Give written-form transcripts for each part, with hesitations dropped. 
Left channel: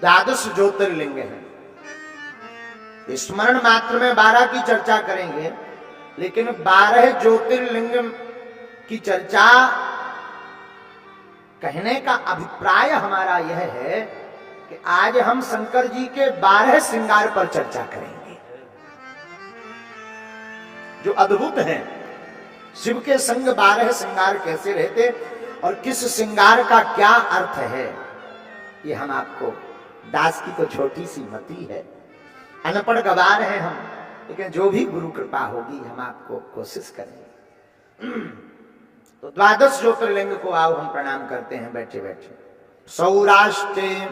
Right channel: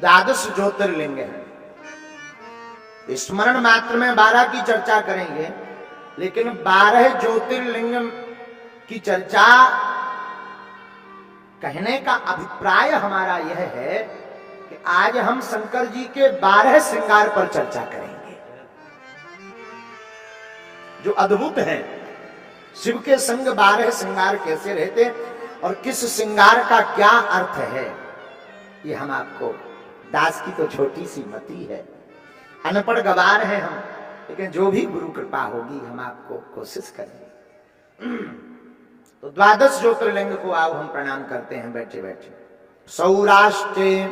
द्वादश ज्योतिर्लिंग हैं। स्मरण मात्र में 12 की चर्चा करेंगे, लेकिन 12 ज्योतिर्लिंग की चर्चा कहने का अभिप्राय हमारा यह है कि आज हम शंकर जी के 12 श्रृंगार पर चर्चा करेंगे जो अद्भुत हैं। शिव के संग 12 श्रृंगार कैसे रहते और किस श्रृंगार का क्या अर्थ है, ये हम आपको, दास की तो छोटी सी मति है, अनपढ़ गवार हैं हम, लेकिन जो भी गुरु कृपा होगी हम आपको कोशिश करेंगे। तो द्वादश ज्योतिर्लिंग को आओ हम प्रणाम करते हैं बैठे बैठे। सौराष्ट्रे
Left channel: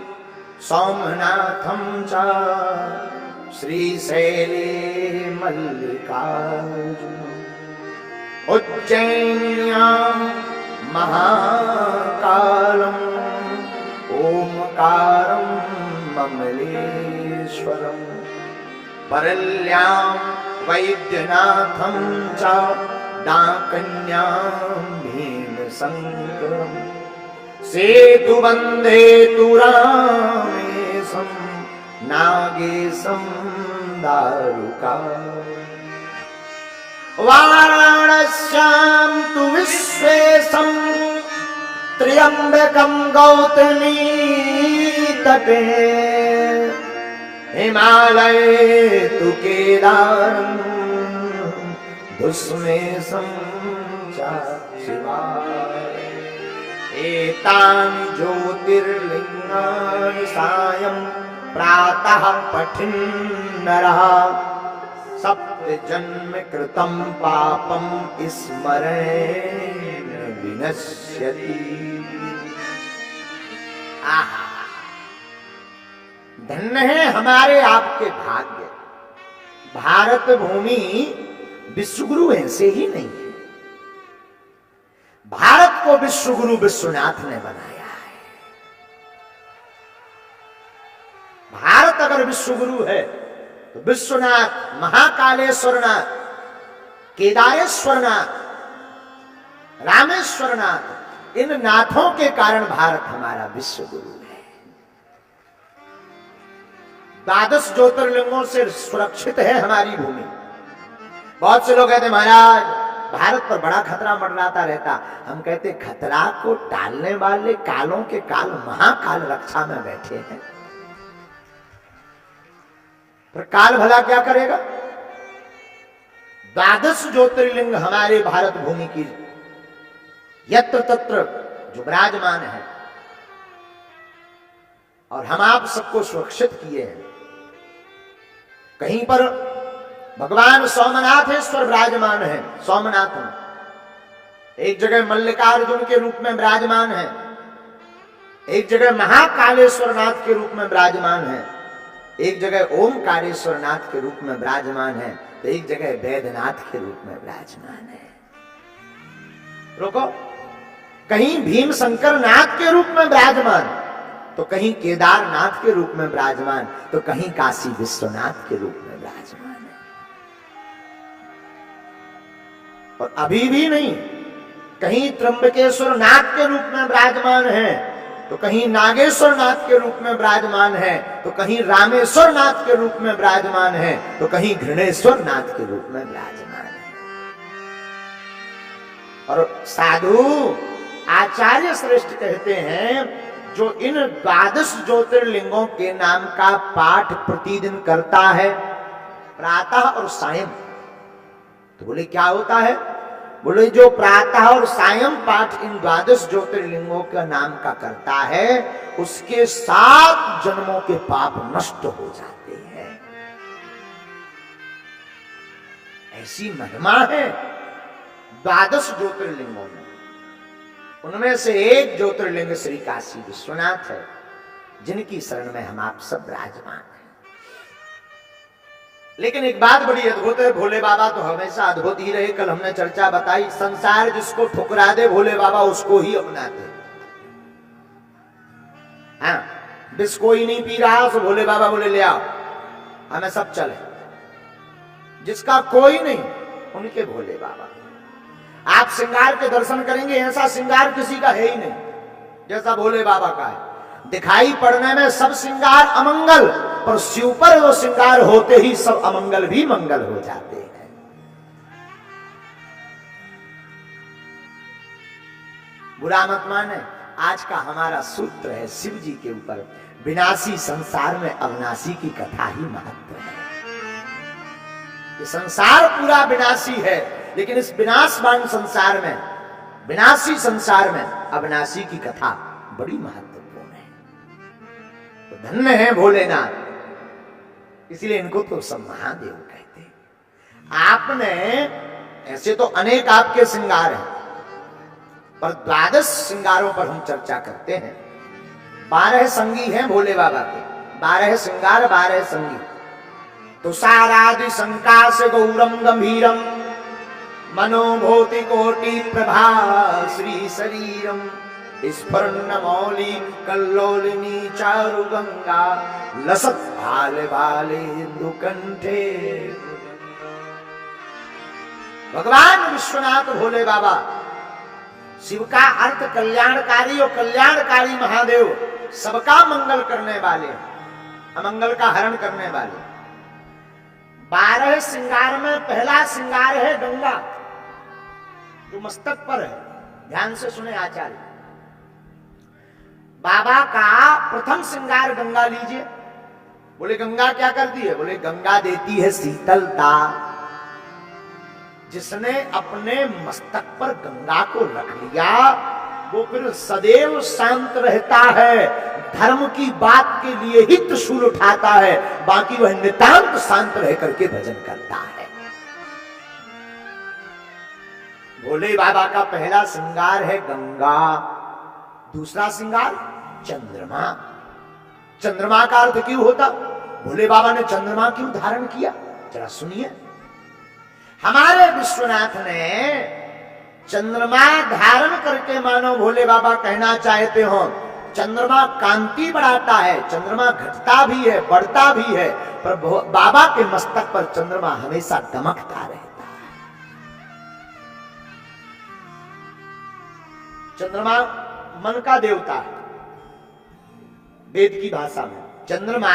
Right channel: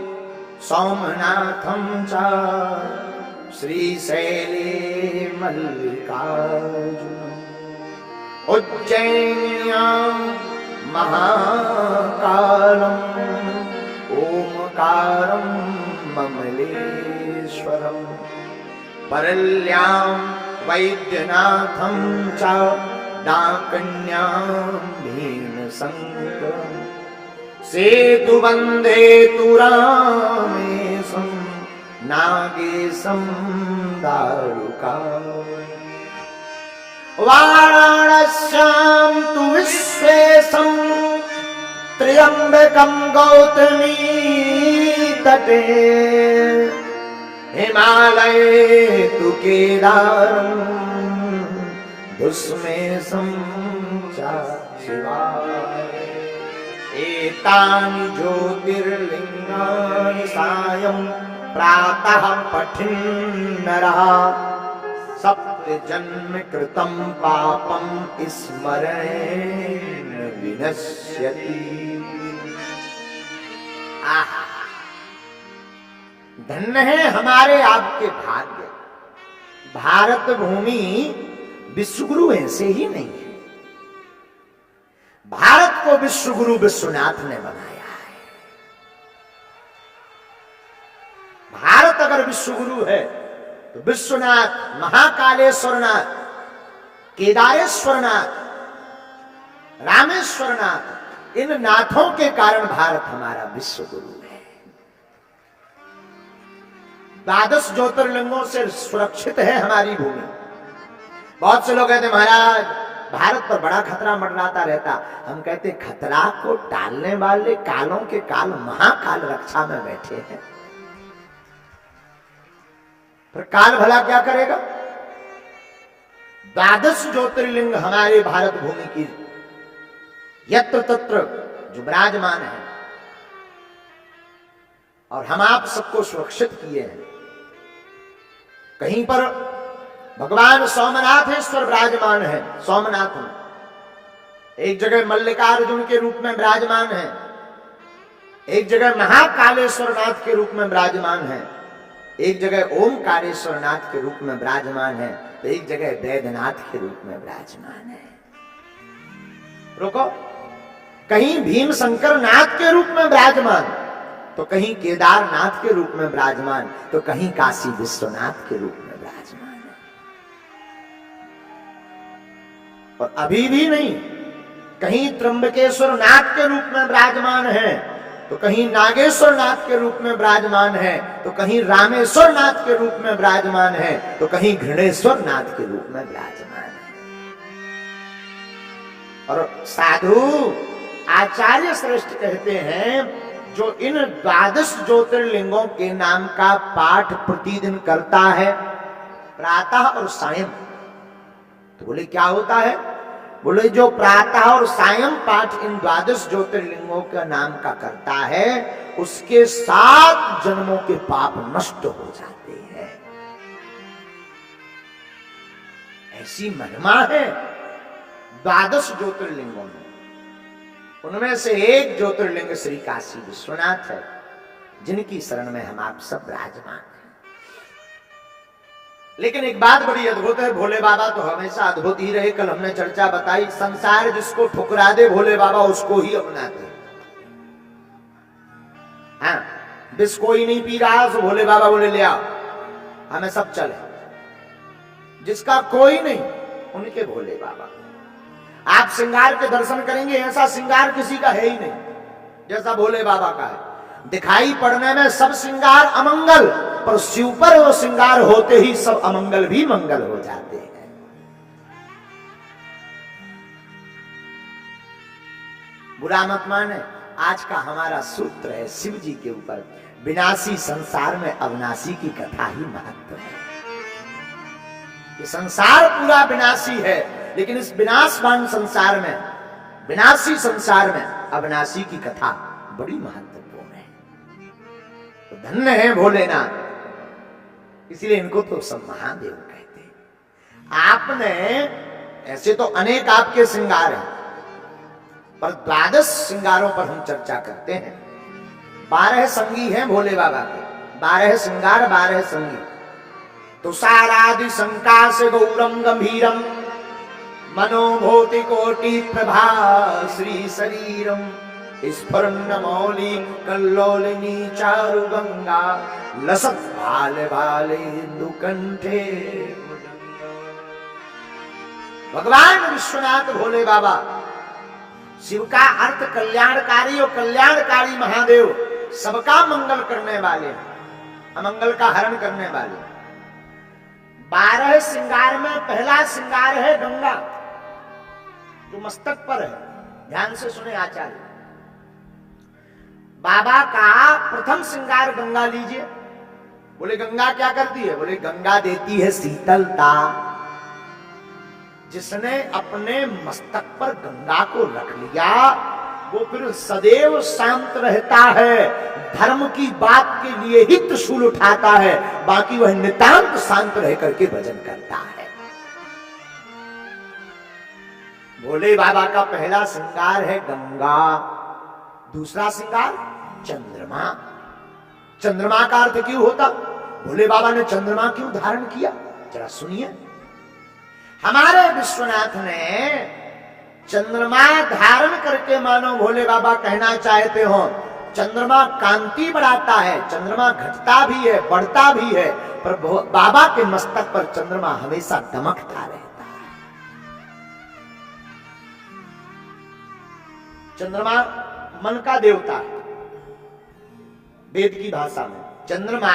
सोमनाथम च श्रीशैले मल्लिकार्जुन उज्जैन्यां महाकालम ओमकारं ममलेश्वरम परल्यां वैद्यनाथं च डाकन्यां भीमशंकरं सेतुबन्धे तुरामेशं नागेशं दारुका वाराणस्यां तु विश्वेशं त्र्यंबकं गौतमी तटे हिमालये तु केदारं दुष्मेशं च शिवाय एतानि ज्योतिर्लिंगानि सायं प्रातः पठन् नरः सप्तजन्म कृतं पापं स्मरेण विनश्यति। आहा, धन्य है हमारे आपके भाग्य। भारत भूमि विश्वगुरु ऐसे ही नहीं है। भारत को विश्वगुरु विश्वनाथ ने बनाया है। भारत अगर विश्वगुरु है तो विश्वनाथ, महाकालेश्वरनाथ, केदारेश्वरनाथ, रामेश्वरनाथ, इन नाथों के कारण भारत हमारा विश्वगुरु है। द्वादश ज्योतिर्लिंगों से सुरक्षित है हमारी भूमि। बहुत से लोग कहते महाराज भारत पर बड़ा खतरा मंडराता रहता। हम कहते खतरा को टालने वाले कालों के काल महाकाल रक्षा में बैठे हैं। पर काल भला क्या करेगा? द्वादश ज्योतिर्लिंग हमारे भारत भूमि की यत्र तत्र जो विराजमान है और हम आप सबको सुरक्षित किए हैं। कहीं पर भगवान सोमनाथेश्वर विराजमान है, सोमनाथ में। एक जगह मल्लिकार्जुन के रूप में विराजमान है, एक जगह महाकालेश्वरनाथ के रूप में विराजमान है, एक जगह ओमकारेश्वरनाथ के रूप में विराजमान है, तो एक जगह वैद्यनाथ के रूप में विराजमान है। रुको, कहीं भीमशंकर नाथ के रूप में विराजमान, तो कहीं केदारनाथ के रूप में विराजमान, तो कहीं काशी विश्वनाथ के रूप में विराजमान है। और अभी भी नहीं, कहीं त्र्यंबकेश्वर नाथ के रूप में विराजमान है, तो कहीं नागेश्वर नाथ के रूप में विराजमान है, तो कहीं रामेश्वर नाथ के रूप में विराजमान है, तो कहीं घृणेश्वर नाथ के रूप में विराजमान है। और साधु आचार्य श्रेष्ठ कहते हैं जो इन द्वादश ज्योतिर्लिंगों के नाम का पाठ प्रतिदिन करता है प्रातः और सायं, तो बोले क्या होता है? बोले जो प्रातः और सायं पाठ इन द्वादश ज्योतिर्लिंगों का नाम का करता है उसके 7 जन्मों के पाप नष्ट हो जाते हैं। ऐसी महिमा है द्वादश ज्योतिर्लिंगों में। उनमें से एक ज्योतिर्लिंग श्री काशी विश्वनाथ है, जिनकी शरण में हम आप सब विराजमान हैं। लेकिन एक बात बड़ी अद्भुत है, भोले बाबा तो हमेशा अद्भुत ही रहे। कल हमने चर्चा बताई, संसार जिसको ठुकरा दे भोले बाबा उसको ही अपनाते। हाँ, विष कोई नहीं पी रहा तो भोले बाबा बोले ले आओ, हमें सब चले। जिसका कोई नहीं उनके भोले बाबा। आप श्रृंगार के दर्शन करेंगे, ऐसा श्रृंगार किसी का है ही नहीं जैसा भोले बाबा का है। दिखाई पड़ने में सब श्रृंगार अमंगल, पर शिव पर वो श्रृंगार होते ही सब अमंगल भी मंगल हो जाते हैं। बुरा मत माने, आज का हमारा सूत्र है शिव जी के ऊपर, विनाशी संसार में अविनाशी की कथा ही महत्व है। ये संसार पूरा विनाशी है, लेकिन इस विनाशवान संसार में, विनाशी संसार में अविनाशी की कथा बड़ी महत्वपूर्ण है। तो धन्य है भोलेनाथ, इसीलिए इनको तो सब महादेव कहते हैं। आपने ऐसे तो अनेक आपके श्रृंगार हैं, पर 12 श्रृंगारों पर हम चर्चा करते हैं। 12 संगी हैं भोले बाबा के, 12 श्रृंगार 12 संगी। तो सारादि संकाश गौरम गंभीरम मनोभूति कोटि प्रभा श्री शरीरम स्फुरन्न मौली कल्लोलिनी चारु गंगा लसत भाले भाले इंदु कंठे। भगवान विश्वनाथ भोले बाबा, शिव का अर्थ कल्याणकारी, और कल्याणकारी महादेव सबका मंगल करने वाले, अमंगल का हरण करने वाले। 12 श्रृंगार में पहला श्रृंगार है गंगा, जो मस्तक पर है। ध्यान से सुने आचार्य, बाबा का प्रथम श्रृंगार गंगा लीजिए। बोले गंगा क्या करती है? बोले गंगा देती है शीतलता। जिसने अपने मस्तक पर गंगा को रख लिया, वो फिर सदैव शांत रहता है। धर्म की बात के लिए ही त्रिशूल उठाता है, बाकी वह नितांत शांत रह करके भजन करता है। भोले बाबा का पहला श्रृंगार है गंगा। दूसरा श्रृंगार चंद्रमा। चंद्रमा का अर्थ क्यों होता? भोले बाबा ने चंद्रमा क्यों धारण किया? जरा सुनिए। हमारे विश्वनाथ ने चंद्रमा धारण करके, मानो भोले बाबा कहना चाहते हो, चंद्रमा कांति बढ़ाता है, चंद्रमा घटता भी है, बढ़ता भी है, पर बाबा के मस्तक पर चंद्रमा हमेशा दमकता रहता है। चंद्रमा मन का देवता है। वेद की भाषा में चंद्रमा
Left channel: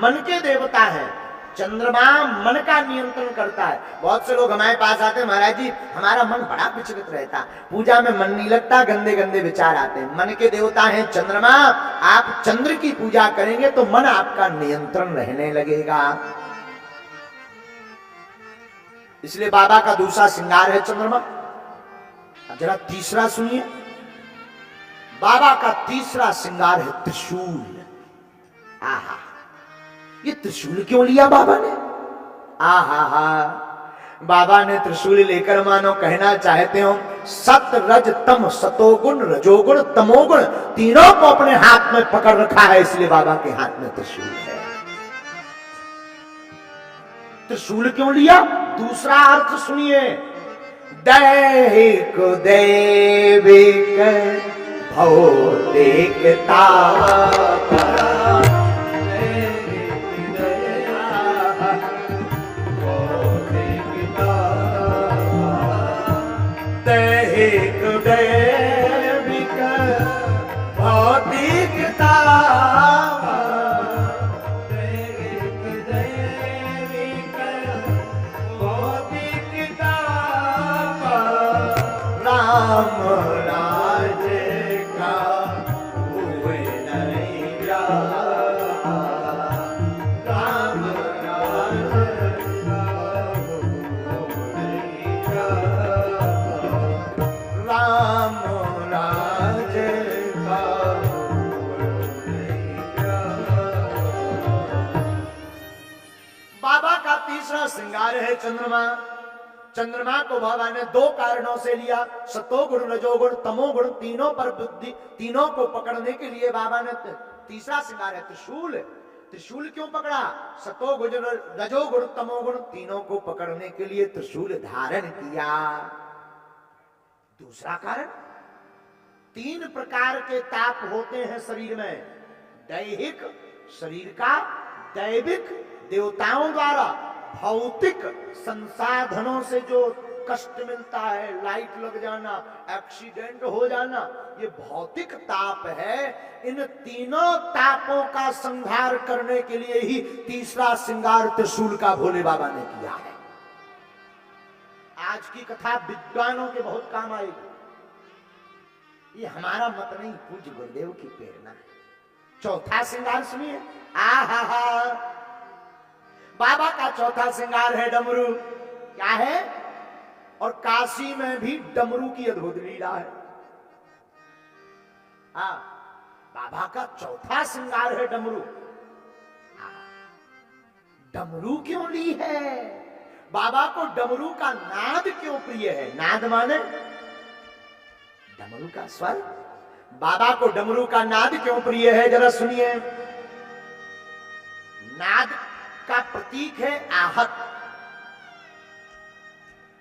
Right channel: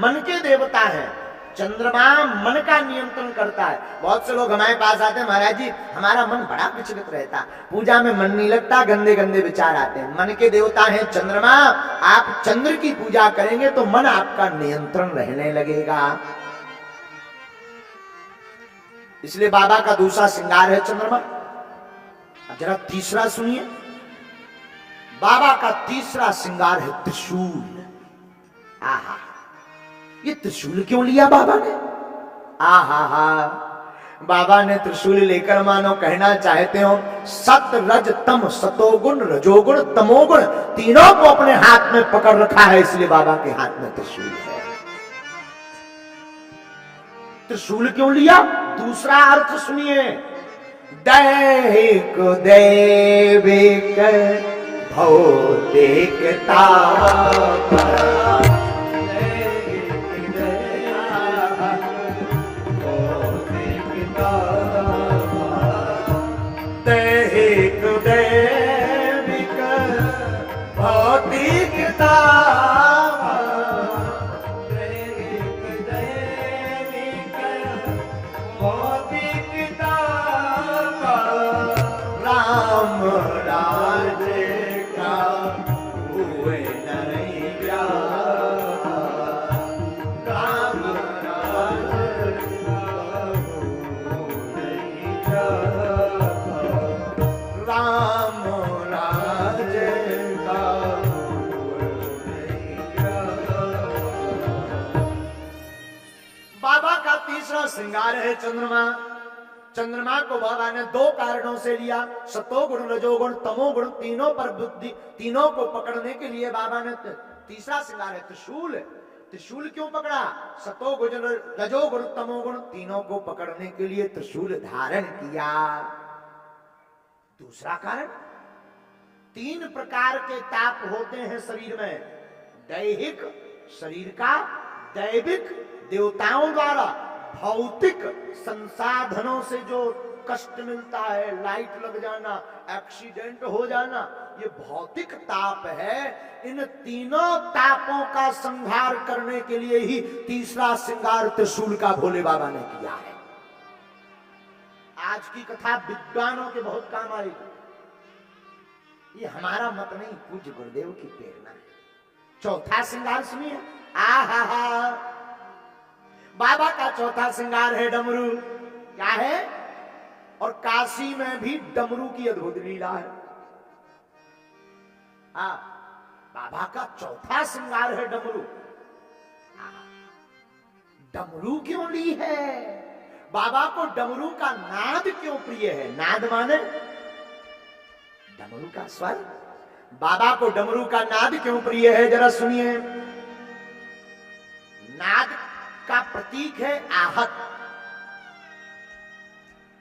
मन के देवता है। चंद्रमा मन का नियंत्रण करता है। बहुत से लोग हमारे पास आते हैं, महाराज जी हमारा मन बड़ा विचलित रहता, पूजा में मन नहीं लगता, गंदे गंदे विचार आते हैं। मन के देवता हैं चंद्रमा। आप चंद्र की पूजा करेंगे तो मन आपका नियंत्रण रहने लगेगा। इसलिए बाबा का दूसरा श्रृंगार है चंद्रमा। अब जरा तीसरा सुनिए। बाबा का तीसरा श्रृंगार है त्रिशूल। आहा, ये त्रिशूल क्यों लिया बाबा ने? आहा, बाबा ने त्रिशूल लेकर मानो कहना चाहते हो, सत रज तम, सतोगुण रजोगुण तमोगुण तीनों को अपने हाथ में पकड़ रखा है, इसलिए बाबा के हाथ में त्रिशूल है। त्रिशूल क्यों लिया? दूसरा अर्थ सुनिए। दैहिक दैविक भौतिकता दैविक भौतिकता दैविक भौतिकता राम राज का हुए नहीं क्या, राम राज का हुए नहीं क्या, राम राज का बाबा का तीसरा श्रृंगार है चंद्रमा। चंद्रमा को बाबा ने दो कारणों से लिया, सतोगुण रजोगुण तमोगुण तीनों पर बुद्धि, तीनों को पकड़ने के लिए बाबा ने तीसरा श्रृंगार है त्रिशूल। त्रिशूल क्यों पकड़ा? सतोगुण रजोगुण तमोगुण तीनों को पकड़ने के लिए त्रिशूल धारण किया। दूसरा कारण, 3 प्रकार के ताप होते हैं शरीर में। दैहिक शरीर का, दैविक देवताओं द्वारा, भौतिक संसाधनों से जो कष्ट मिलता है, लाइट लग जाना, एक्सीडेंट हो जाना, ये भौतिक ताप है। इन तीनों तापों का संहार करने के लिए ही तीसरा श्रृंगार त्रिशूल का भोले बाबा ने किया है। आज की कथा विद्वानों के बहुत काम आएगी, ये हमारा मत नहीं, पूज्य गुरुदेव की प्रेरणा है। चौथा श्रृंगार सुनिए। आहा, बाबा का चौथा श्रृंगार है डमरू। क्या है? और काशी में भी डमरू की अद्भुत लीला है। बाबा का चौथा श्रृंगार है डमरू। डमरू क्यों ली है? बाबा को डमरू का नाद क्यों प्रिय है? नाद माने डमरू का स्वर। बाबा को डमरू का नाद क्यों प्रिय है, जरा सुनिए। नाद का प्रतीक है आहत।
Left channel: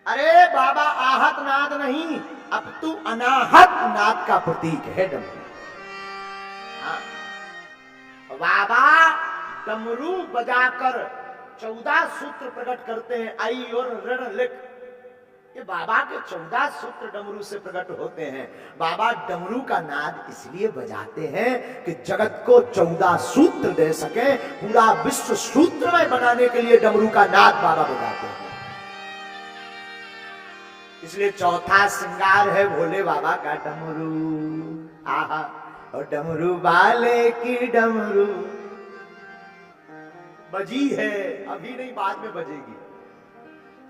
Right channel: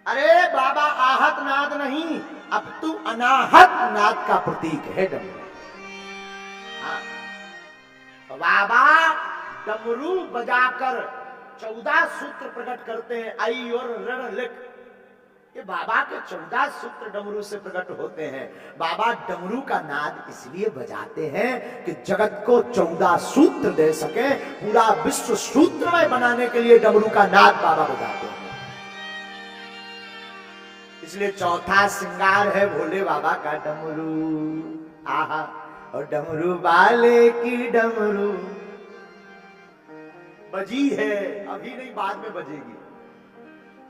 अरे बाबा आहत नाद नहीं, अब तू अनाहत नाद का प्रतीक है डमरू। हाँ, बाबा डमरू बजाकर 14 सूत्र प्रकट करते हैं। आई और ऋण लिख, ये बाबा के 14 सूत्र डमरू से प्रकट होते हैं। बाबा डमरू का नाद इसलिए बजाते हैं कि जगत को 14 सूत्र दे सके। पूरा विश्व सूत्रमय बनाने के लिए डमरू का नाद बाबा बजाते हैं। इसलिए चौथा श्रृंगार है भोले बाबा का डमरू। आहा, और डमरू वाले की डमरू बजी है, अभी नहीं बाद में बजेगी।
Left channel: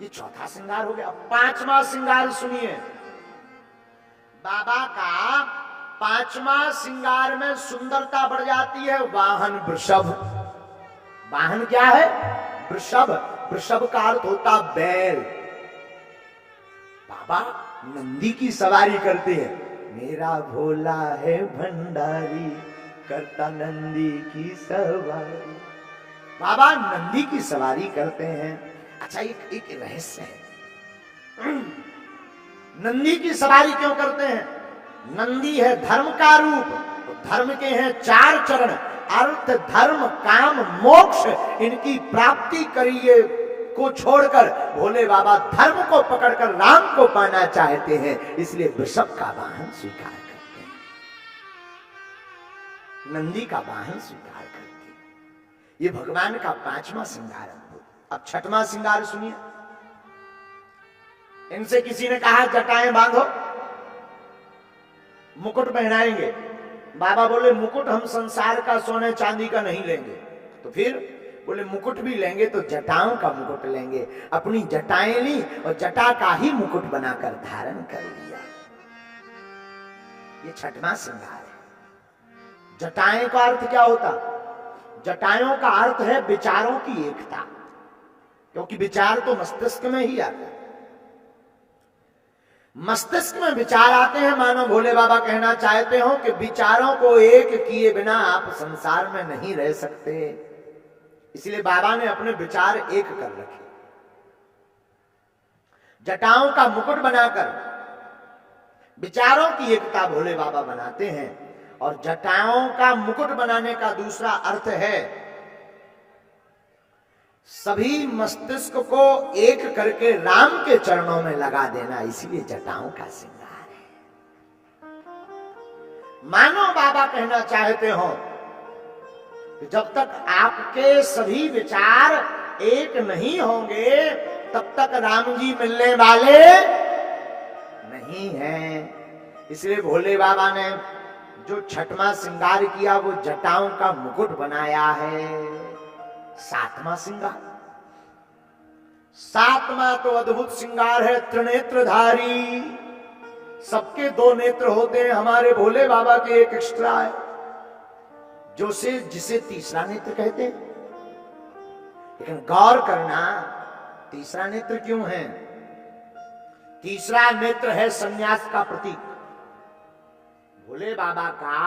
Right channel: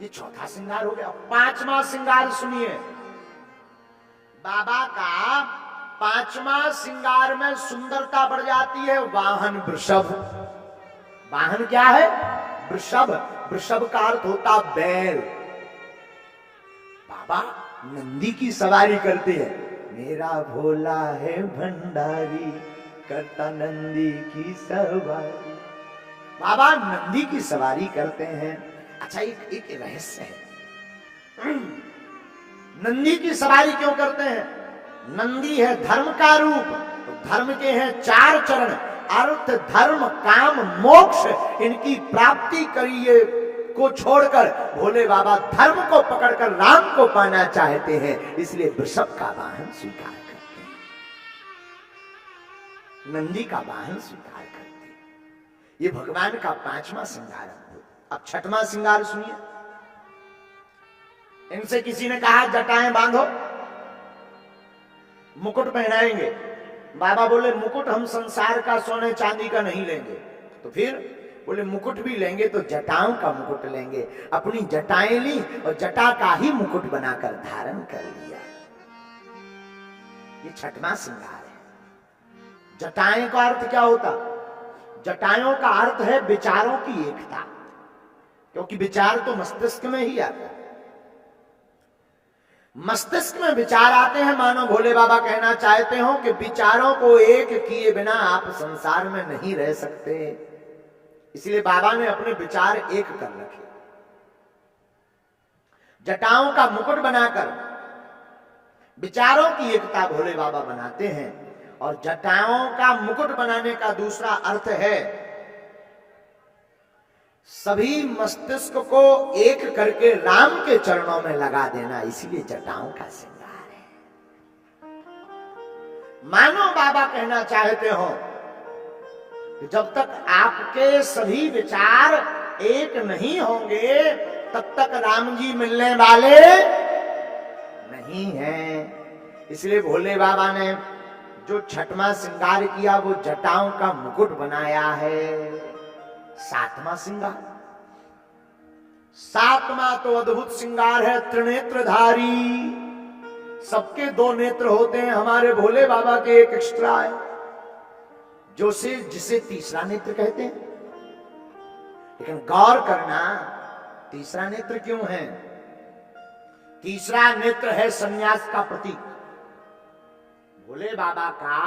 ये चौथा श्रृंगार हो गया। अब पांचवा श्रृंगार सुनिए। बाबा का पांचवा श्रृंगार में सुंदरता बढ़ जाती है। वाहन वृषभ। वाहन क्या है? वृषभ। वृषभ का अर्थ होता बैल। बाबा नंदी की सवारी करते हैं। मेरा भोला है भंडारी, करता नंदी की सवारी। बाबा नंदी की सवारी करते हैं। अच्छा, एक रहस्य है। नंदी की सवारी क्यों करते हैं? नंदी है धर्म का रूप। धर्म के हैं 4 चरण, अर्थ धर्म काम मोक्ष। इनकी प्राप्ति करिए को छोड़कर भोले बाबा धर्म को पकड़कर राम को पाना चाहते हैं, इसलिए वृषभ का वाहन स्वीकार करते हैं, नंदी का वाहन स्वीकार करते हैं। ये भगवान का पांचवा श्रृंगार है। अब छठवां श्रृंगार सुनिए। इनसे किसी ने कहा जटाएं बांधो, मुकुट पहनाएंगे। बाबा बोले मुकुट हम संसार का सोने चांदी का नहीं लेंगे। तो फिर बोले मुकुट भी लेंगे तो जटाओं का मुकुट लेंगे। अपनी जटाएं ली और जटा का ही मुकुट बनाकर धारण कर लिया। ये छठवां श्रृंगार है। जटाएं का अर्थ क्या होता? जटाओं का अर्थ है विचारों की एकता, क्योंकि विचार तो मस्तिष्क में ही आता है। मस्तिष्क में विचार आते हैं। मानो भोले बाबा कहना चाहते हो कि विचारों को एक किए बिना आप संसार में नहीं रह सकते। इसलिए बाबा ने अपने विचार एक कर रखे। जटाओं का मुकुट बनाकर विचारों की एकता भोले बाबा बनाते हैं। और जटाओं का मुकुट बनाने का दूसरा अर्थ है सभी मस्तिष्क को एक करके राम के चरणों में लगा देना। इसीलिए जटाओं का श्रृंगार है। मानो बाबा कहना चाहते हो कि जब तक आपके सभी विचार एक नहीं होंगे तब तक राम जी मिलने वाले नहीं हैं। इसलिए भोले बाबा ने जो छठवां श्रृंगार किया वो जटाओं का मुकुट बनाया है। सातवां श्रृंगार, सातवां तो अद्भुत श्रृंगार है त्रिनेत्रधारी। सबके 2 नेत्र होते हैं, हमारे भोले बाबा के एक एक्स्ट्रा है, जिसे तीसरा नेत्र कहते हैं। लेकिन गौर करना, तीसरा नेत्र क्यों है? तीसरा नेत्र है सन्यास का प्रतीक। भोले बाबा का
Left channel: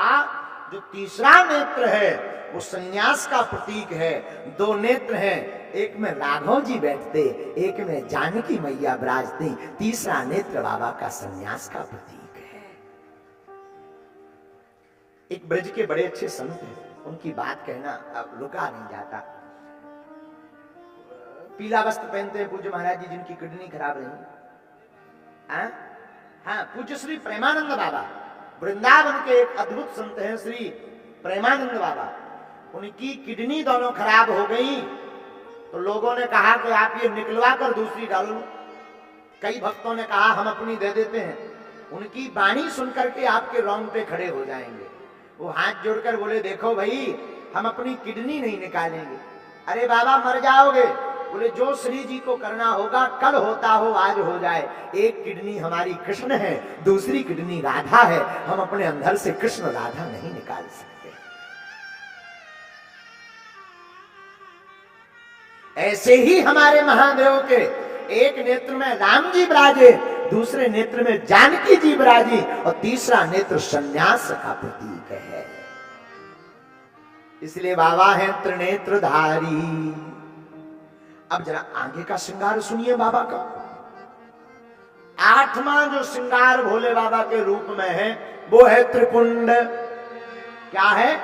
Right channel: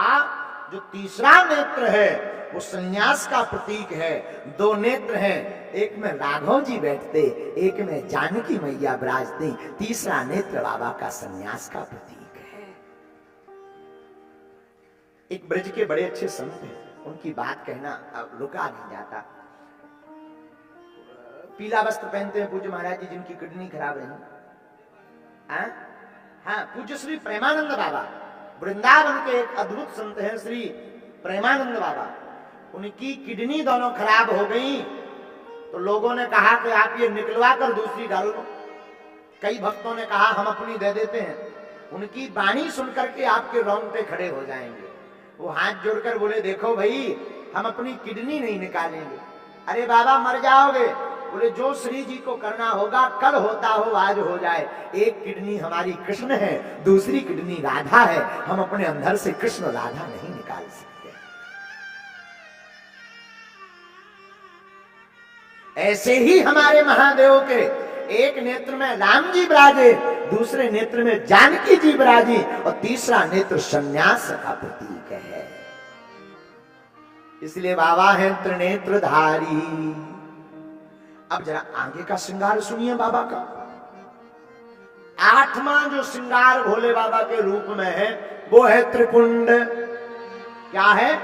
जो तीसरा नेत्र है वो सन्यास का प्रतीक है। 2 नेत्र हैं, एक में राघव जी बैठते, एक में जानकी मैया विराजती। तीसरा नेत्र बाबा का सन्यास का प्रतीक है। एक ब्रज के बड़े अच्छे संत हैं, उनकी बात कहना अब रुका नहीं जाता। पीला वस्त्र पहनते हैं पूज्य महाराज जी, जिनकी किडनी खराब रही, हाँ, पूज्य श्री प्रेमानंद बाबा वृंदावन के एक अद्भुत संत हैं, श्री प्रेमानंद बाबा। उनकी किडनी दोनों खराब हो गई तो लोगों ने कहा कि आप ये निकलवा कर दूसरी डाल लो। कई भक्तों ने कहा हम अपनी दे देते हैं। उनकी वाणी सुनकर के आपके रोंगटे खड़े हो जाएंगे। वो हाथ जोड़कर बोले देखो भाई, हम अपनी किडनी नहीं निकालेंगे। अरे बाबा मर जाओगे। बोले जो श्री जी को करना होगा, कल होता हो आज हो जाए। एक किडनी हमारी कृष्ण है, दूसरी किडनी राधा है। हम अपने अंदर से कृष्ण राधा नहीं निकाल सकते। ऐसे ही हमारे महादेव के एक नेत्र में राम जी विराजे, दूसरे नेत्र में जानकी जी विराजी और तीसरा नेत्र संन्यास का प्रतीक है। इसलिए बाबा हैं त्रिनेत्रधारी। अब जरा आगे का श्रृंगार सुनिए बाबा का। आठवां जो श्रृंगार भोले बाबा के रूप में है वो है त्रिपुंड। क्या है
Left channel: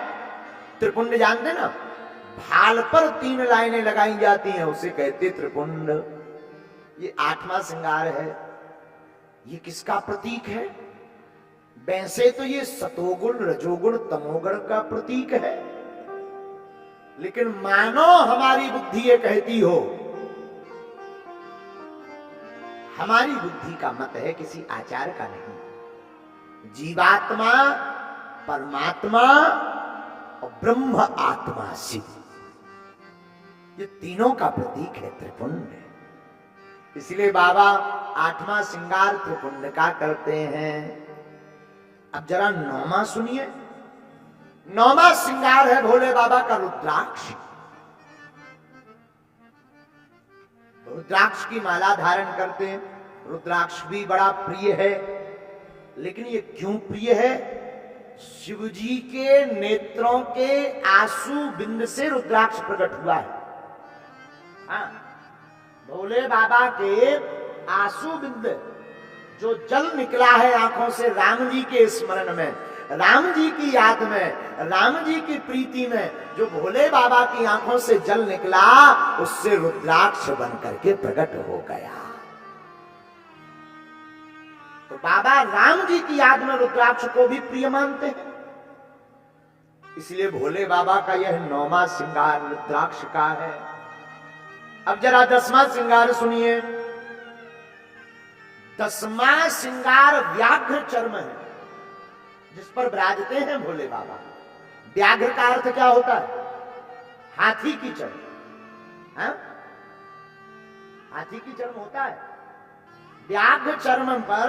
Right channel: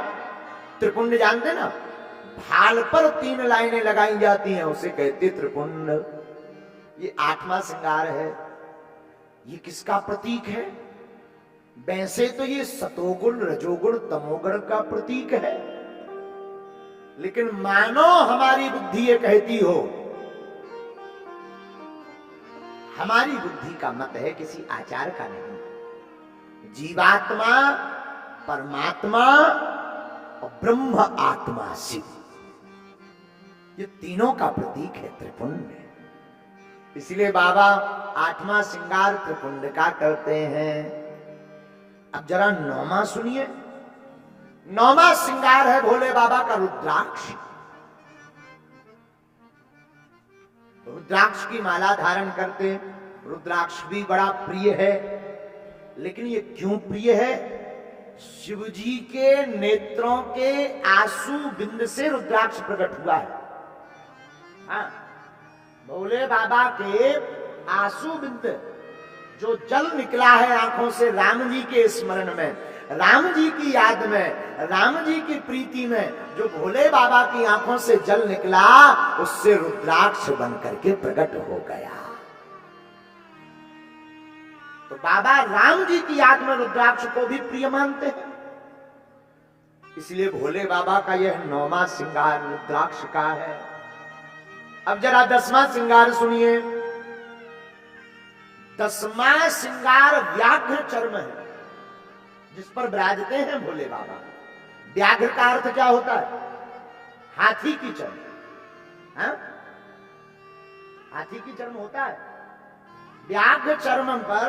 त्रिपुंड? जानते ना, भाल पर 3 लाइनें लगाई जाती हैं, उसे कहते त्रिपुंड। ये 8वां श्रृंगार है। ये किसका प्रतीक है? वैसे तो ये सतोगुण रजोगुण तमोगुण का प्रतीक है, लेकिन मानो हमारी बुद्धि ये कहती हो, हमारी बुद्धि का मत है, किसी आचार का नहीं। जीवात्मा, परमात्मा और ब्रह्म आत्मा शिव, ये तीनों का प्रतीक है त्रिपुंड। इसलिए बाबा 8वां श्रृंगार त्रिपुंड का करते हैं। अब जरा 9वां सुनिए। 9वां श्रृंगार है भोले बाबा का रुद्राक्ष। रुद्राक्ष की माला धारण करते हैं। रुद्राक्ष भी बड़ा प्रिय है, लेकिन ये क्यों प्रिय है? शिवजी के नेत्रों के आंसू बिंद से रुद्राक्ष प्रकट हुआ है। हाँ, भोले बाबा के आंसू बिंद, जो जल निकला है आंखों से राम जी के स्मरण में, राम जी की याद में, राम जी की प्रीति में, जो भोले बाबा की आंखों से जल निकला, उससे रुद्राक्ष बन करके प्रकट हो गया। तो बाबा राम जी की याद में रुद्राक्ष को भी प्रिय मानते हैं। इसलिए भोले बाबा का यह 9वां श्रृंगार रुद्राक्ष का है। अब जरा 10वां श्रृंगार सुनिए। 10वां श्रृंगार व्याघ्र चर्म है, जिस पर विराजते हैं भोले बाबा। व्याघ्र का अर्थ क्या होता है? हाथी की चर्म। हाँ? हाथी की चर्म होता है। व्याघ्र चर्म पर,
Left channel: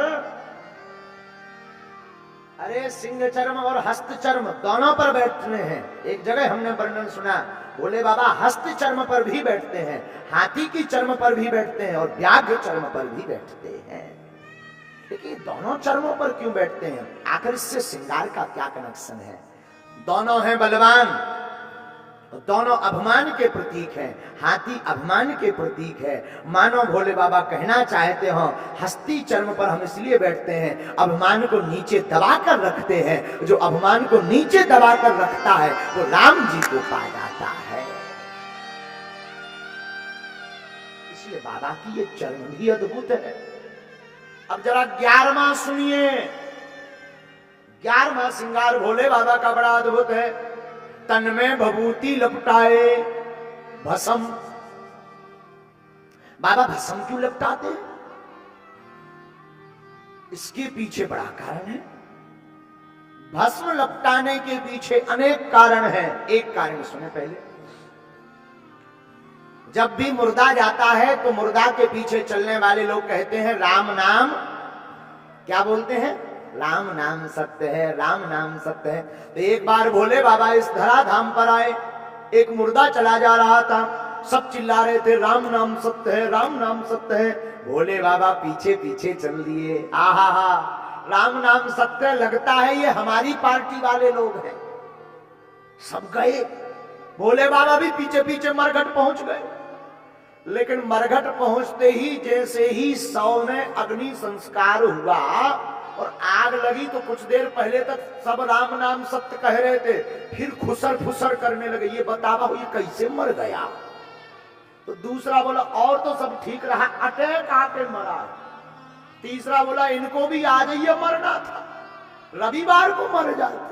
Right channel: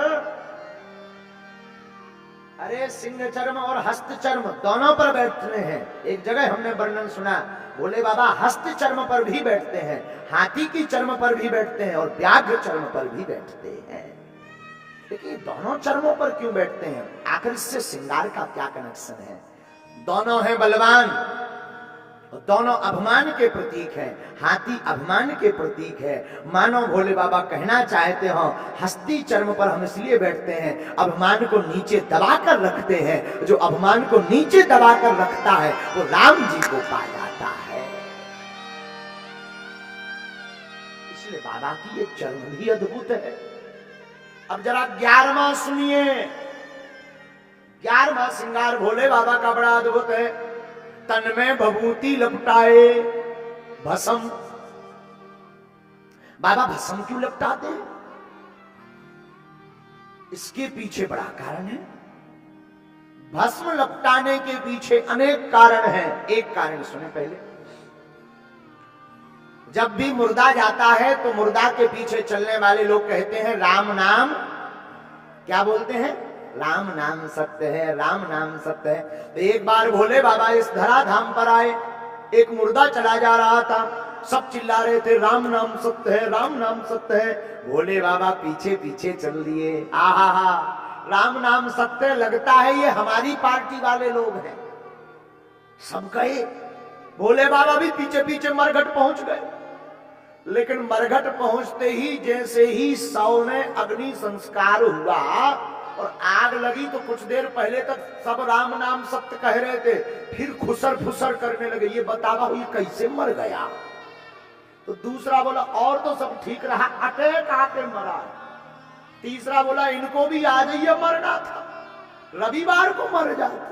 अरे सिंह चर्म और हस्त चर्म दोनों पर बैठते हैं। एक जगह हमने वर्णन सुना, भोले बाबा हस्त चर्म पर भी बैठते हैं, हाथी की चर्म पर भी बैठते हैं और व्याघ्र चर्म पर भी बैठते हैं। लेकिन दोनों चर्मों पर क्यों बैठते हैं? आखिर इससे श्रृंगार का क्या कनेक्शन है? दोनों हैं बलवान, दोनों अभिमान के प्रतीक हैं। हाथी अभिमान के प्रतीक है। मानो भोले बाबा कहना चाहते हो, हस्ती चर्म पर हम इसलिए बैठते हैं, अभिमान को नीचे दबाकर रखते हैं। जो अभिमान को नीचे दबाकर रखता है वो राम जी को पा जाता है। इसलिए बाबा की ये चर्म भी अद्भुत है। अब जरा 11वां सुनिए। 11वां श्रृंगार भोले बाबा का बड़ा अद्भुत है। तन में भभूति लपटाए भस्म। बाबा भस्म क्यों लपटाते हैं? इसके पीछे बड़ा कारण है। भस्म लपटाने के पीछे अनेक कारण हैं। एक कारण सुने पहले। जब भी मुर्दा जाता है तो मुर्दा के पीछे चलने वाले लोग कहते हैं राम नाम, क्या बोलते हैं? राम नाम सत्य है, राम नाम सत्य है। तो एक बार भोले बाबा इस धराधाम पर आए, एक मुर्दा चला जा रहा था, सब चिल्ला रहे थे राम नाम सत्य है, राम नाम सत्य है। भोले बाबा पीछे पीछे चल दिए। आहा हा, राम नाम सत्य, लगता है ये हमारी पार्टी वाले लोग हैं। सब गए, भोले बाबा भी पीछे पीछे मरघट पहुंच गए। लेकिन मरघट पहुंचते ही जैसे ही 100 में अग्नि संस्कार हुआ और आग लगी, तो कुछ देर पहले तक सब राम नाम सत्य कह रहे थे, फिर खुसर फुसर करने लगे। ये बतावा ये कैसे मर गया? तो दूसरा बोला और तो सब ठीक रहा, अटैक आके मरा। तीसरा बोला इनको भी आज ही मरना था, रविवार को मर जाते,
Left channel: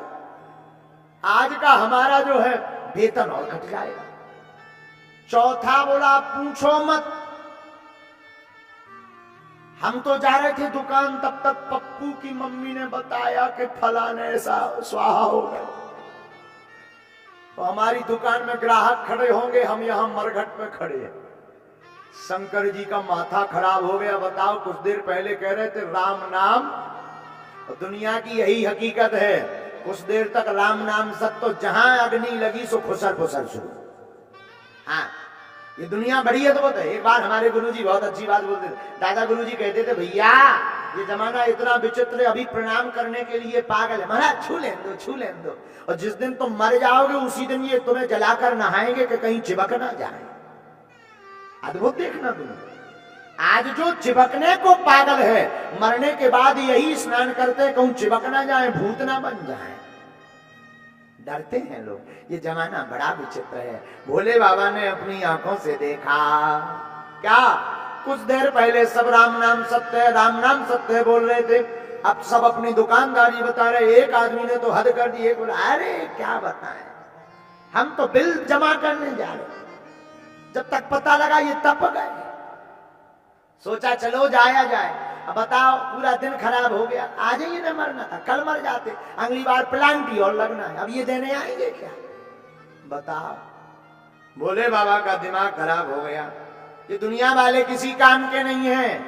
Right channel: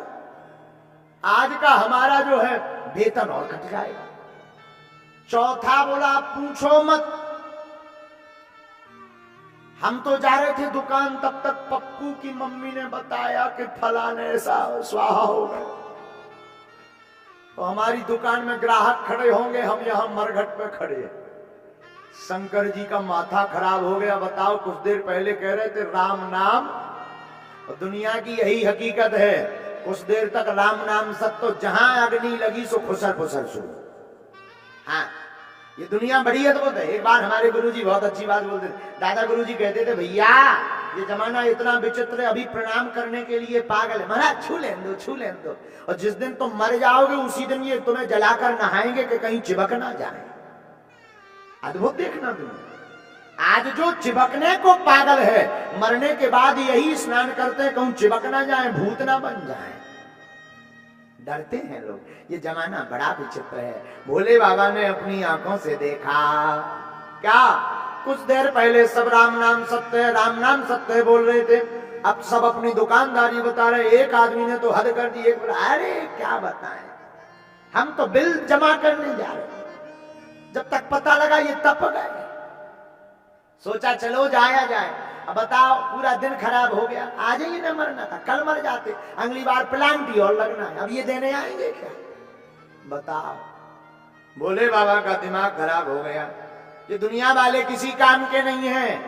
आज का हमारा जो है वेतन और कट जाएगा। चौथा बोला पूछो मत, हम तो जा रहे थे दुकान, तब तक पप्पू की मम्मी ने बताया कि फलाने ऐसा स्वाहा हो गए, तो हमारी दुकान में ग्राहक खड़े होंगे, हम यहां मरघट पे खड़े हैं। शंकर जी का माथा खराब हो गया। बताओ, कुछ देर पहले कह रहे थे राम नाम, और दुनिया की यही हकीकत है, कुछ देर तक राम नाम सत्य, तो जहां अग्नि लगी सो फुसर फुसर शुरू। हाँ, ये दुनिया बड़ी अद्भुत है। एक बार हमारे गुरुजी बहुत अच्छी बात बोलते थे। दादा गुरुजी कहते थे, भैया ये जमाना इतना विचित्र है, अभी प्रणाम करने के लिए पागल है। महाराज छू लें दो, छू लें दो, और जिस दिन तुम मर जाओगे उसी दिन ये तुम्हें जलाकर नहाएंगे कि कहीं चिपक ना जाए। अद्भुत देखना दुनिया। आज जो चिपकने को पागल है, मरने के बाद यही स्नान करते हैं, कहूं चिपक ना जाए, भूत ना बन जाए, डरते हैं लोग। ये जमाना बड़ा विचित्र है। भोले बाबा ने अपनी आंखों से देखा। क्या? कुछ देर पहले सब राम नाम सत्य है, राम नाम सत्य है बोल रहे थे, अब सब अपनी दुकानदारी बता रहे। एक आदमी ने तो हद कर दी, एक बोला अरे क्या बताएं, हम तो बिल जमा करने जा रहे, जब तक पता लगा ये तप गए। सोचा चलो जाया जाए। अब बताओ, पूरा दिन खराब हो गया। आज ही इन्हें मरना था, कल मर जाते, अगली बार प्लांटी और लगना है, अब ये देने आएंगे क्या? बताओ, भोले बाबा का दिमाग खराब हो गया। ये दुनिया वाले किसी काम के नहीं हैं,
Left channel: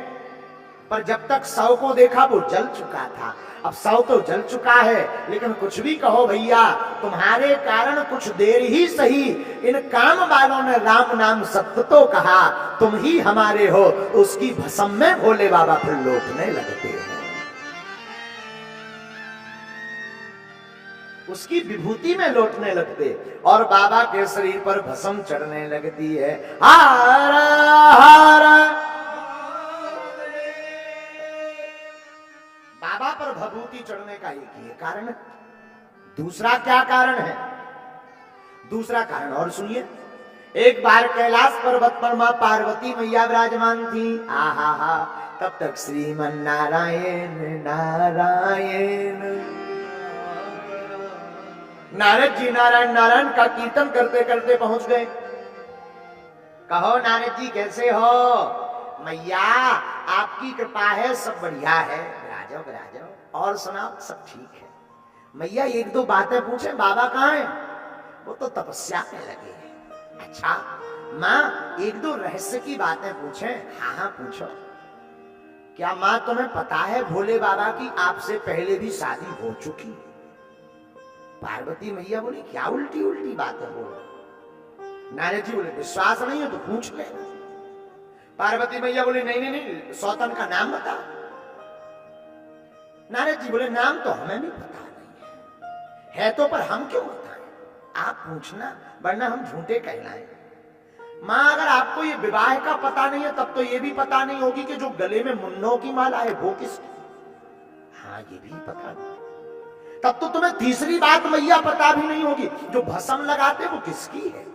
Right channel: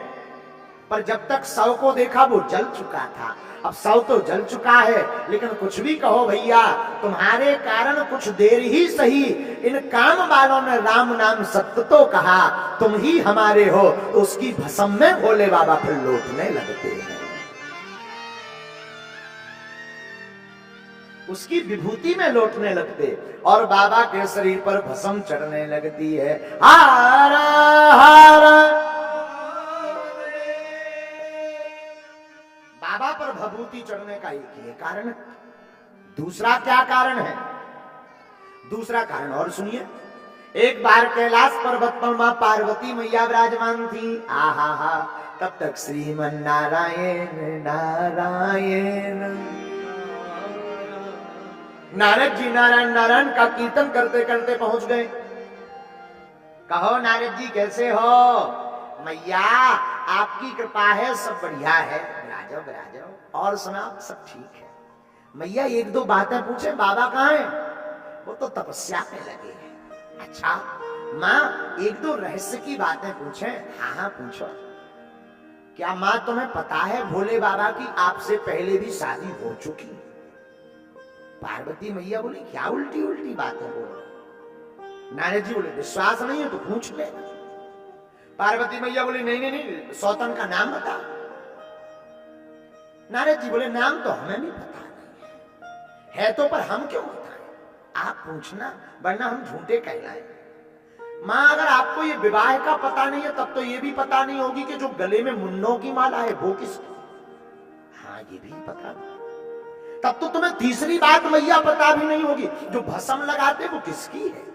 पर जब तक 100 को देखा वो जल चुका था। अब 100 तो जल चुका है, लेकिन कुछ भी कहो भैया, तुम्हारे कारण कुछ देर ही सही इन काम वालों ने राम नाम सत्य तो कहा, तुम ही हमारे हो। उसकी भस्म में भोले बाबा फिर लौटने लगते हैं, उसकी विभूति में लौटने लगते, और बाबा के शरीर पर भस्म चढ़ने लगती है। हार हार बाबा पर भभूति चढ़ने का एक ही कारण है। दूसरा क्या कारण है? दूसरा कारण और सुनिए। एक बार कैलाश पर्वत पर मां पार्वती मैया विराजमान थी। आहा हा, तब तक श्रीमन नारायण नारायण, नारद जी नारायण नारायण का कीर्तन करते करते पहुंच गए। कहो नारद जी कैसे हो? मैया आपकी कृपा है, सब बढ़िया है, विराजो विराजो, और सुनाओ सब ठीक है। मैया एक दो बातें पूछे, बाबा कहाँ हैं? वो तो तपस्या में लगे हैं। अच्छा माँ, एक दो रहस्य की बातें पूछे? हाँ हाँ पूछो। क्या माँ तुम्हें पता है भोले बाबा की आपसे पहले भी शादी हो चुकी? पार्वती मैया बोली क्या उल्टी उल्टी बातें बोलो। नारद जी बोले विश्वास नहीं है तो पूछ ले। पार्वती मैया बोले नहीं नहीं नहीं, सौतन का नाम बता। नारद जी बोले नाम तो हमें भी पता नहीं है तो पर हम क्यों बताएं, आप पूछना, वरना हम झूठे कहलाएं। मां अगर आपको ये विवाह का पता नहीं है, तब तो ये भी पता नहीं होगी कि जो गले में मुन्नों की माला है वो किसकी? हाँ ये भी पता नहीं। तब तो तुम्हें तीसरी बात मैया पता भी नहीं होगी, जो भस्म लगाते वो किसकी है?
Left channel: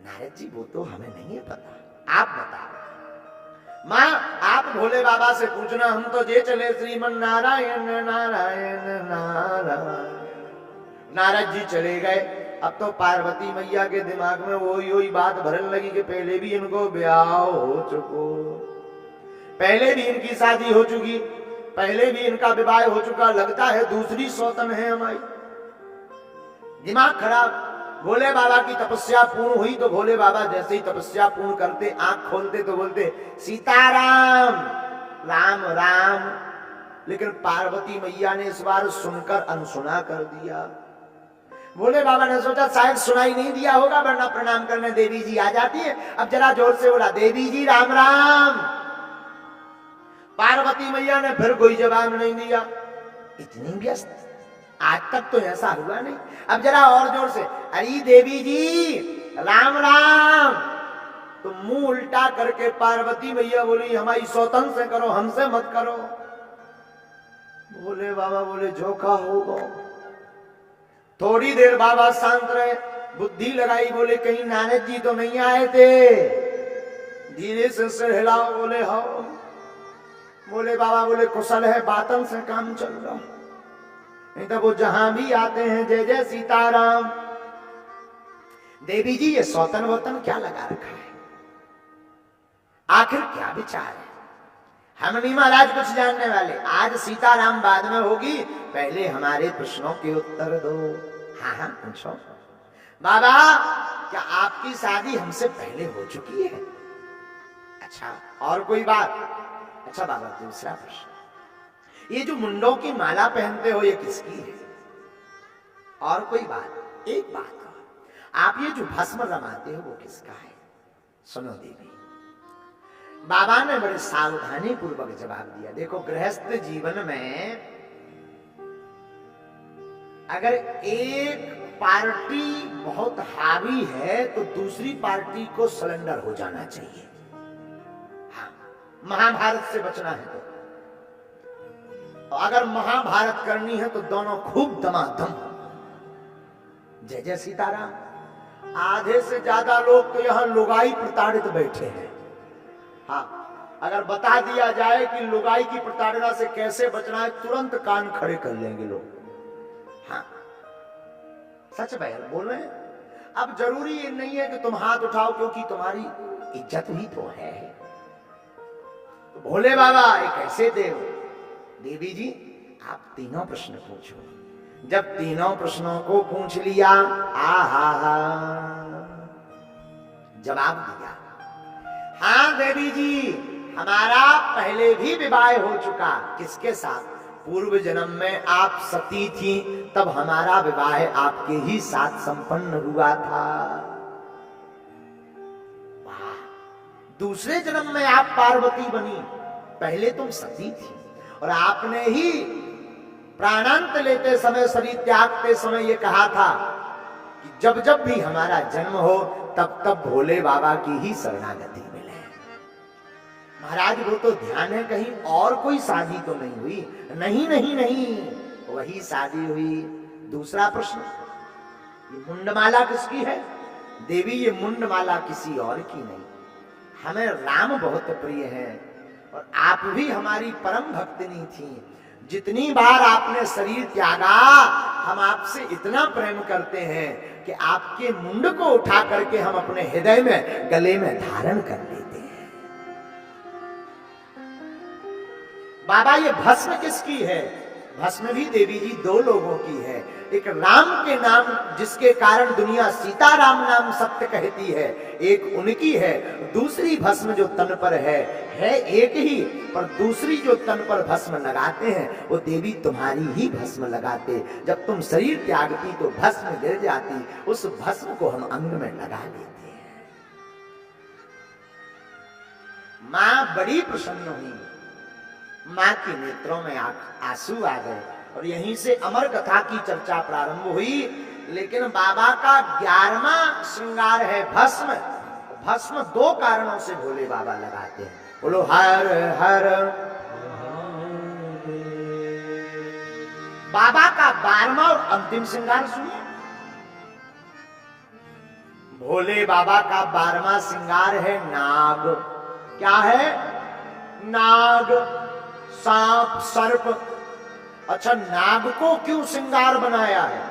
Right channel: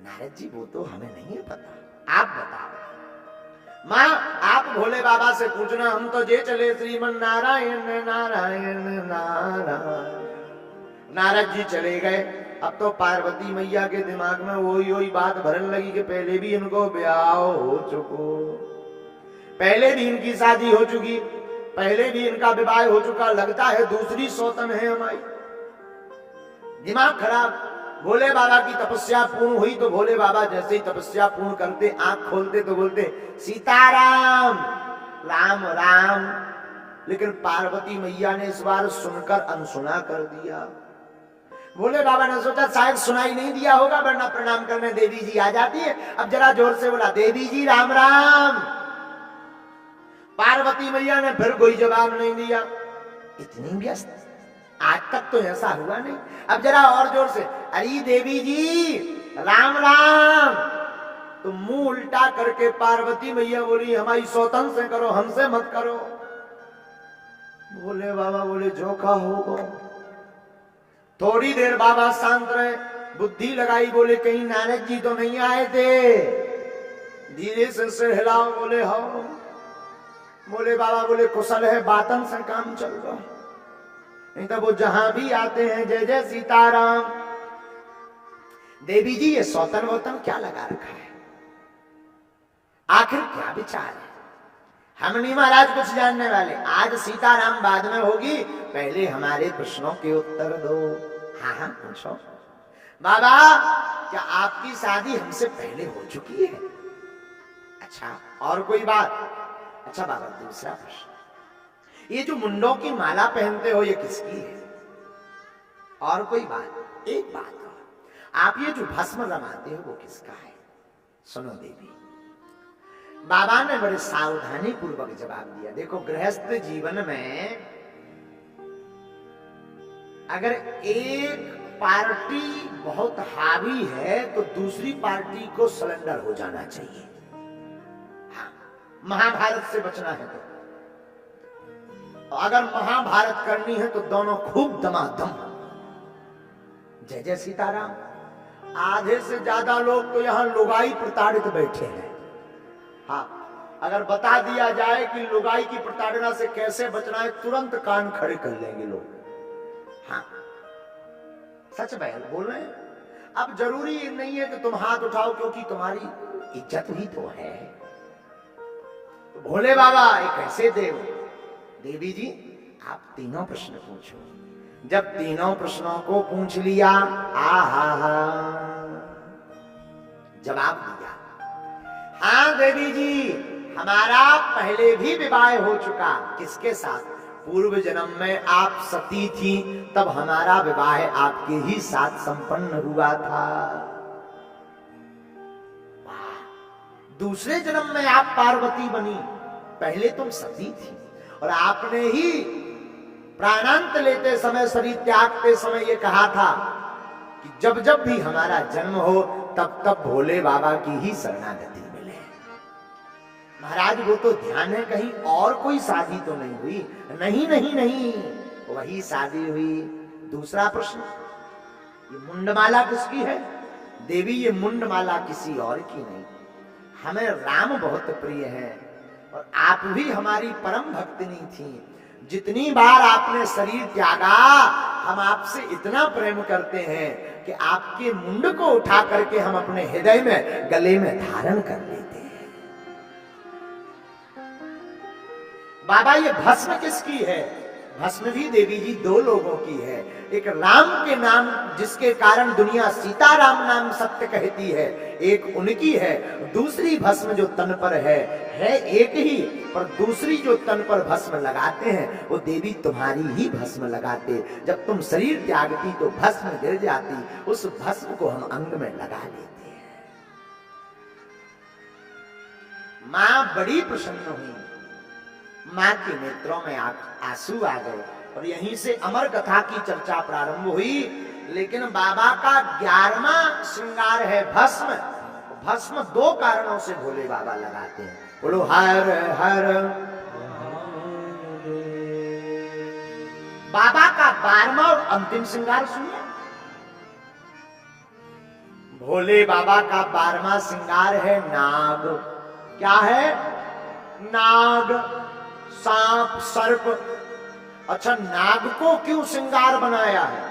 नारद जी वो तो हमें नहीं है पता, आप बताओ। मां आप भोले बाबा से पूछना, हम तो जे चले श्रीमन नारायण नारायण नारायण। नारद जी चले गए। अब तो पार्वती मैया के दिमाग में वही बात भरने लगी कि पहले भी इनको ब्याह हो चुको, पहले भी इनकी शादी हो चुकी, पहले भी इनका विवाह हो चुका, लगता है दूसरी सौतन है हमारी। दिमाग खराब। भोले बाबा की तपस्या पूर्ण हुई तो भोले बाबा जैसे ही तपस्या पूर्ण करते, आंख खोलते तो बोलते सीताराम राम राम। लेकिन पार्वती मैया ने इस बार सुनकर अनसुना कर दिया। भोले बाबा ने सोचा शायद सुनाई नहीं दिया होगा, वरना प्रणाम करने देवी जी आ जाती है। अब जरा जोर से बोला देवी जी राम राम। पार्वती मैया ने फिर कोई जवाब नहीं दिया। इतनी व्यस्त, आज तक तो ऐसा हुआ नहीं। अब जरा और जोर से, अरे देवी जी राम राम। तो मुंह उल्टा करके पार्वती मैया बोली हमारी सौतन से करो, हमसे मत करो। भोले बाबा बोले जो का होगा। थोड़ी देर बाबा शांत रहे, बुद्धि लगाई, बोले कहीं नारद जी तो नहीं आए थे? धीरे से सिर हिलाओ, बोले हाँ। बोले बाबा बोले कुशल है, बातन से काम चल रहा, नहीं तो वो जहां भी आते हैं जय जय सीताराम। देवी जी ये सौतन वोतन क्या लगा रखा है, आखिर क्या विचार है? हम नहीं महाराज कुछ जानने वाले, आज सीताराम बाद में होगी, पहले हमारे प्रश्नों के उत्तर दो। हाँ हाँ पूछो। बाबा क्या आपकी शादी हमसे पहले हो चुकी है? अच्छा और कोई बात? अच्छा बाबा दूसरा प्रश्न, ये जो मुंडों की माला पहनते हो ये किसकी है? और कोई बात? एक बात और, आप ये जो भस्म रमाते हो वो किसका है? सुनो देवी। बाबा ने बड़े सावधानी पूर्वक जवाब दिया। देखो गृहस्थ जीवन में अगर एक पार्टी बहुत हावी है तो दूसरी पार्टी को सरेंडर हो जाना चाहिए। हाँ, महाभारत से बचना है तो अगर महाभारत करनी है तो दोनों खूब दमादम। जय जय सीताराम। आधे से ज्यादा लोग तो यहां लुगाई प्रताड़ित बैठे हैं। हाँ, अगर बता दिया जाए कि लुगाई की प्रताड़ना से कैसे बचना है तुरंत कान खड़े कर लेंगे लोग। हाँ सच बोल रहे हैं। अब जरूरी नहीं है कि तुम हाथ उठाओ क्योंकि तुम्हारी इज्जत भी तो है। तो भोले बाबा एक ऐसे देव। देवी जी आप तीनों प्रश्न पूछो। जब तीनों प्रश्नों को पूछ लिया, आहा जवाब दिया। हाँ देवी जी हमारा पहले भी विवाह हो चुका। किसके साथ? पूर्व जन्म में आप सती थी, तब हमारा विवाह आपके ही साथ संपन्न हुआ था। वाह। दूसरे जन्म में आप पार्वती बनी, पहले तुम सती थी और आपने ही प्राणांत लेते समय, शरीर त्यागते समय ये कहा था कि जब जब भी हमारा जन्म हो तब तब भोले बाबा की ही शरणागति मिले। महाराज वो तो ध्यान है, कहीं और कोई शादी तो नहीं हुई? नहीं नहीं नहीं, वही शादी हुई। दूसरा प्रश्न, ये मुंडमाला किसकी है? देवी ये मुंडमाला किसी और की नहीं, हमें राम बहुत प्रिय है और आप भी हमारी परम भक्तिनी थी। जितनी बार आपने शरीर त्यागा, हम आपसे इतना प्रेम करते हैं कि आपके मुंड को उठा करके हम अपने हृदय में, गले में धारण कर लेते हैं। बाबा ये भस्म किसकी है? भस्म भी देवी जी दो लोगों की है। एक राम के नाम जिसके कारण दुनिया सीताराम नाम सत्य कहती है, एक उनकी है। दूसरी भस्म जो तन पर है एक ही, पर दूसरी जो तन पर भस्म लगाते हैं वो देवी तुम्हारी ही भस्म लगाते। जब तुम शरीर त्यागती तो भस्म गिर जाती, उस भस्म को हम अंग में लगा लेते हैं। मां बड़ी प्रसन्न हुई, मां के नेत्रों में आंसू आ गए और यहीं से अमर कथा की चर्चा प्रारंभ हुई। लेकिन बाबा का 11वां श्रृंगार है भस्म। भस्म दो कारणों से भोले बाबा लगाते हैं। बोलो हर हर। बाबा का 12वां और अंतिम श्रृंगार सुनिए। भोले बाबा का 12वां श्रृंगार है नाग। क्या है? नाग, सांप, सर्प। अच्छा नाग को क्यों श्रृंगार बनाया है?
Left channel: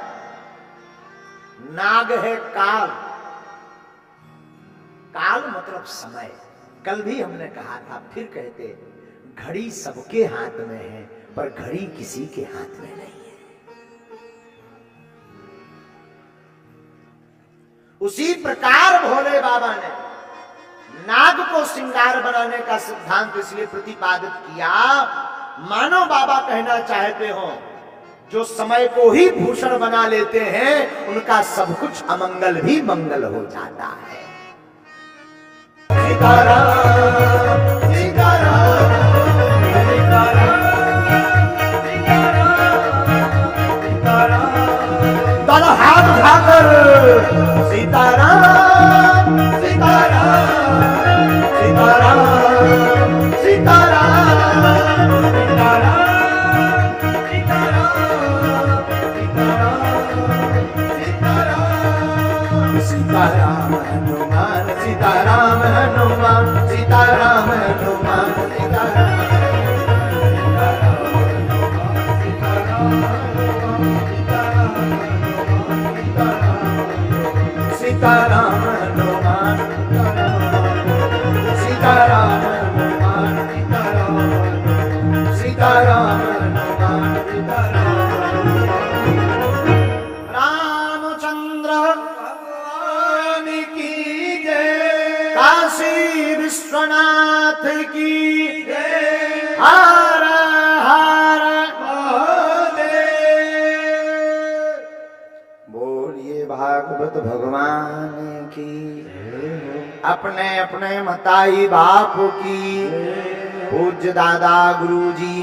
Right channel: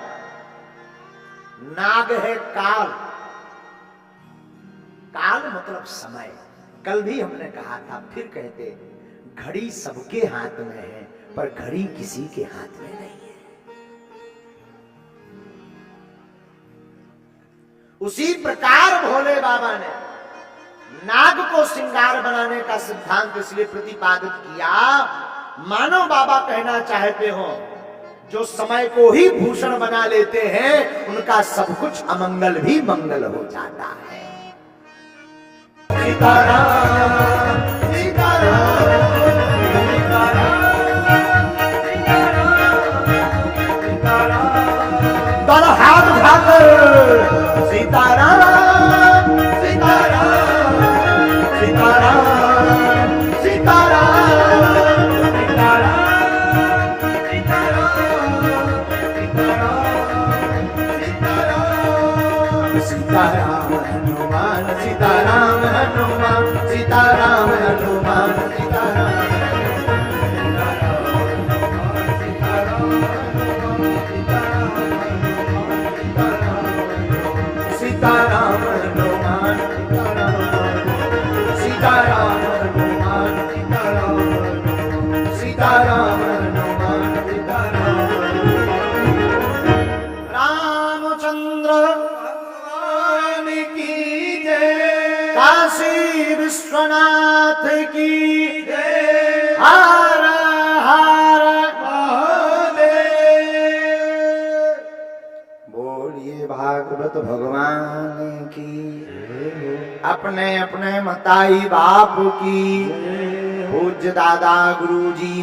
नाग है काल। काल मतलब समय। कल भी हमने कहा था, फिर कहते, घड़ी सबके हाथ में है पर घड़ी किसी के हाथ में नहीं है। उसी प्रकार भोले बाबा ने नाग को श्रृंगार बनाने का सिद्धांत इसलिए प्रतिपादित किया, मानो बाबा कहना चाहते हो जो समय को ही भूषण बना लेते हैं उनका सब कुछ अमंगल भी मंगल हो जाता है। सीताराम सीताराम दोनों हाथ उठाकर सीताराम सीताराम सीताराम सीताराम सीताराम हनुमान सीताराम हनुमान सीताराम हनुमान सीताराम सीताराम हनुमान सीताराम हनुमान सीताराम हनुमान रामचंद्र भगवान की जय। काशी विश्वनाथ की जय। हर हर महादेव। बोलिए भागवत भगवान की। अपने अपने मताई बाप की। पूज्य दादा गुरु जी